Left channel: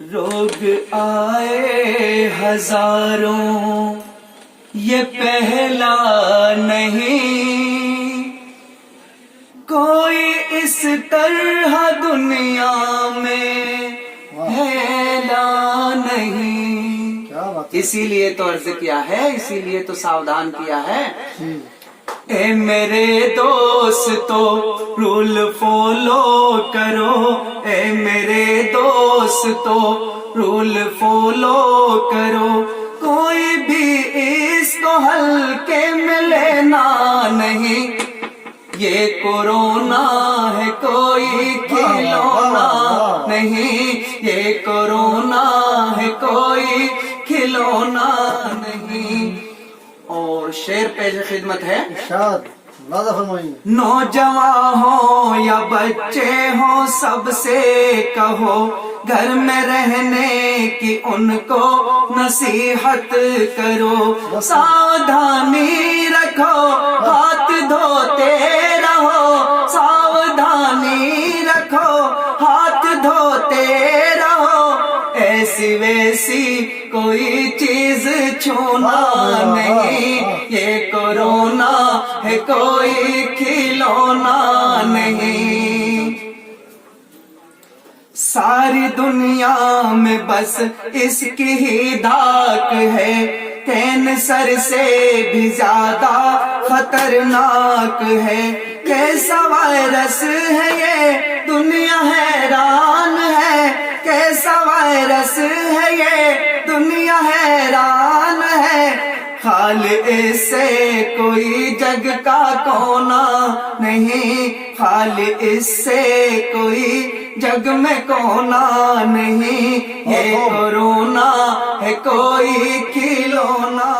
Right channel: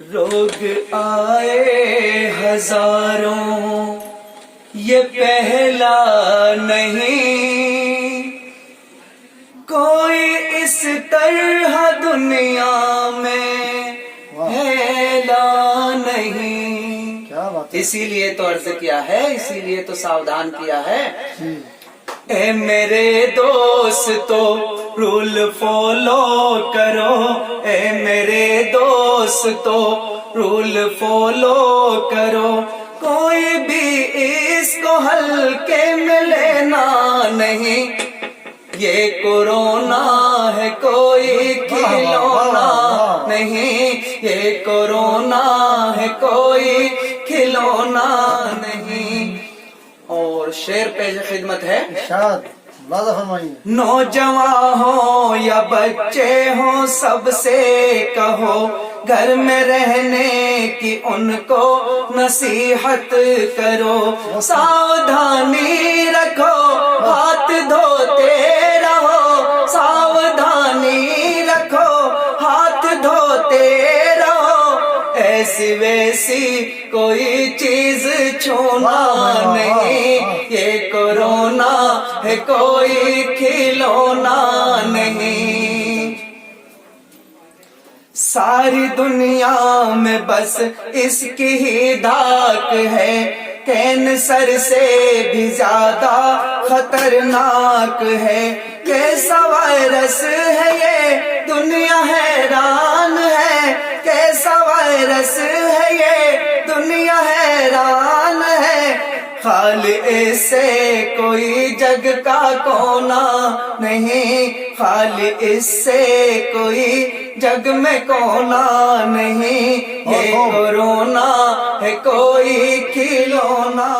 روگ آئے ہزاروں یہ پہلا نہیں، کوئی اس طرح دنیا میں پھیلا نہیں۔ اسی لیے تو عرض کیا ہے، اسی لیے تو ساودھان کیا ہے، اے میرے دوستو رول فالو کرو، اے میرے دوستو رول فالو کرو، کوئی بھی اس کو ہلکے میں لینا نہیں، یہ کورونا ہے کوئی کھلونا نہیں، یہ کورونا ہے کوئی کھلونا نہیں۔ اور شعر پیش خدمت ہے، نوجوان ہوں یا بچے ہوں سب سے کہو گھر میں رہنے کی ان کو نصیحت کرو، ساودھانی رکھو ہاتھ دھوتے رہو، ساودھانی رکھو ہاتھ دھوتے رہو، ایسی ویسی کوئی چیز چھونا نہیں، یہ کورونا ہے کوئی کھلونا نہیں۔ ساری دنیا میں بس اس کی ہی دھاک ہے، کینسر سے بھی زیادہ خطرناک ہے، کیسا وائرس ہے یہ دنیا حیران ہے، کیسا وائرس ہے یہ دنیا حیران ہے، خالق سے کوئی جگ کا کونا نہیں، خالق سے کوئی جگ میں کونا نہیں، یہ کورونا ہے کوئی کھلونا